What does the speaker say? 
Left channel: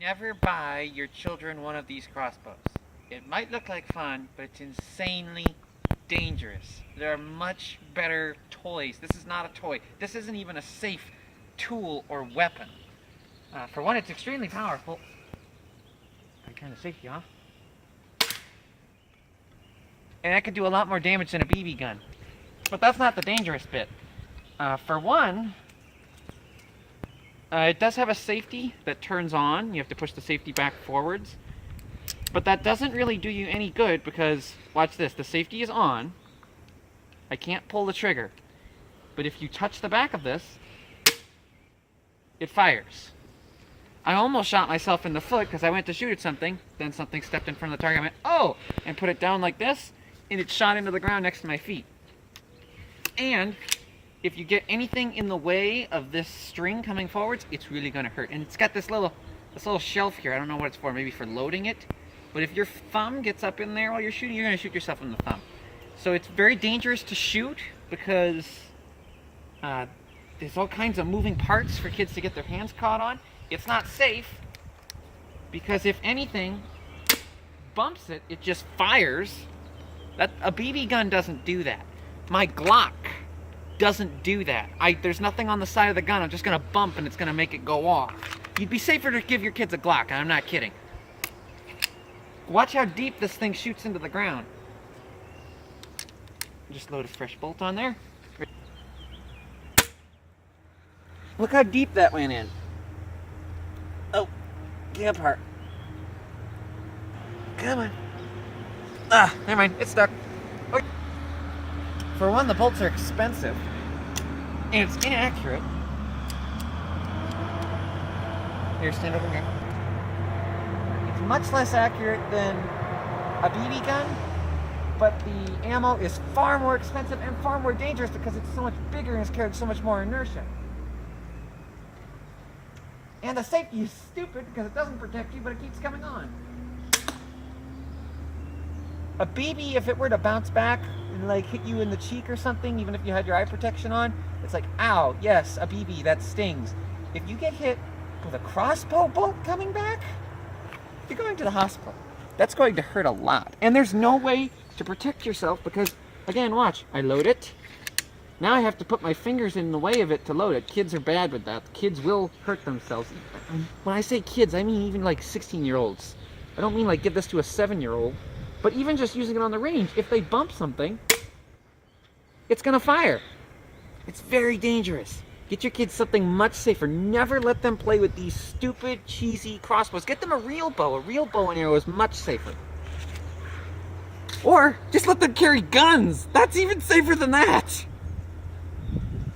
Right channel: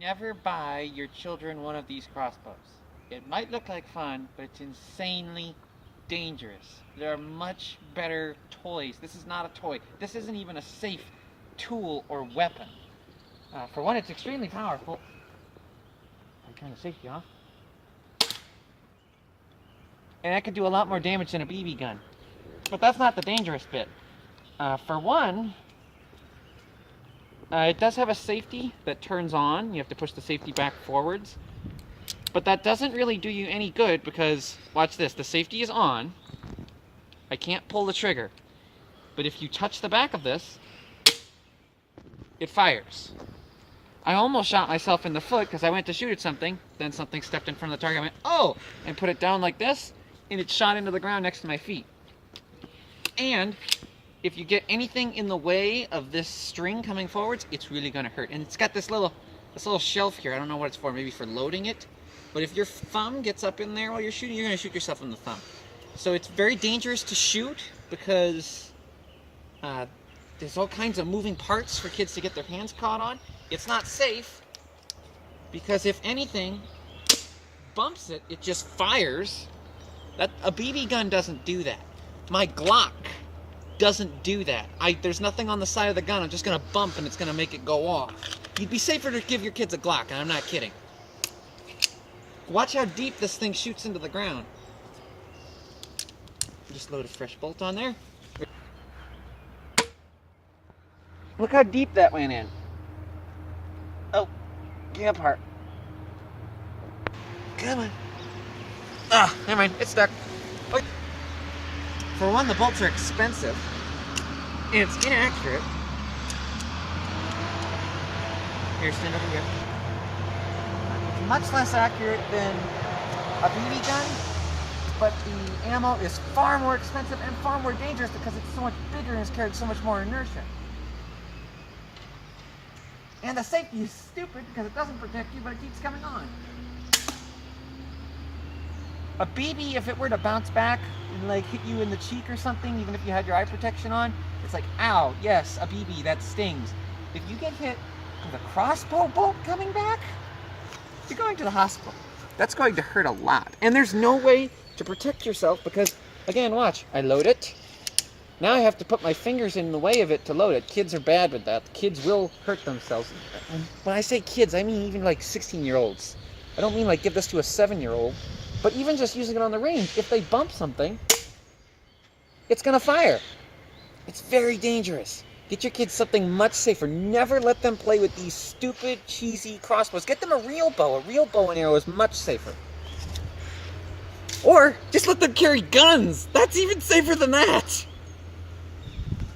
Never buy your children one of these crossbows. It might look like fun, but it's insanely dangerous. There are much better toys. This is not a toy. This isn't even a safe tool or weapon. For one, it's extremely powerful. I turn the safety off. And that can do a lot more damage than a BB gun. But that's not the dangerous bit. For one, it does have a safety that turns on. You have to push the safety back forwards. But that doesn't really do you any good because, watch this, the safety is on. I can't pull the trigger. But if you touch the back of this, it fires. I almost shot myself in the foot because I went to shoot at something, then something stepped in front of the target, I went, oh! And put it down like this, and it shot into the ground next to my feet. And if you get anything in the way of this string coming forwards, it's really going to hurt. And it's got this little shelf here. I don't know what it's for, maybe for loading it. But if your thumb gets up in there while you're shooting, you're going to shoot yourself in the thumb. So it's very dangerous to shoot because there's all kinds of moving parts for kids to get their hands caught on. It's not safe because if anything bumps it, it just fires. A BB gun doesn't do that. My Glock doesn't do that. There's nothing on the side of the gun. I'm just going to bump and it's going to make it go off. You'd be safer to give your kids a Glock, and I'm not kidding. Watch how deep this thing shoots into the ground. Just load a fresh bolt on there. Look how deep that went in. Oh, get apart. Come on. Ah, never mind, it's stuck. Okay. For one, the bolts are expensive, and it's inaccurate. Here, stand over here. It's much less accurate than a BB gun, but the ammo is far more expensive and far more dangerous because it's so much bigger and it's carried so much more inertia. And the safety is stupid because it doesn't protect you, but it keeps coming on. A BB, if it were to bounce back and like hit you in the cheek or something, even if you had your eye protection on, it's like, ow, yes, a BB, that stings. If you get hit with a crossbow bolt coming back, you're going to the hospital. That's going to hurt a lot. And there's no way to protect yourself because, again, watch, I load it. Now I have to put my fingers in the way of it to load it. Kids are bad with that. Kids will hurt themselves. When I say kids, I mean even like 16-year-olds. I don't mean like give this to a 7-year-old. But even just using it on the range, if they bump something, it's going to fire. It's very dangerous. Get your kids something much safer. Never let them play with these stupid, cheesy crossbows. Get them a real bow. A real bow and arrow is much safer. Or just let them carry guns. That's even safer than that.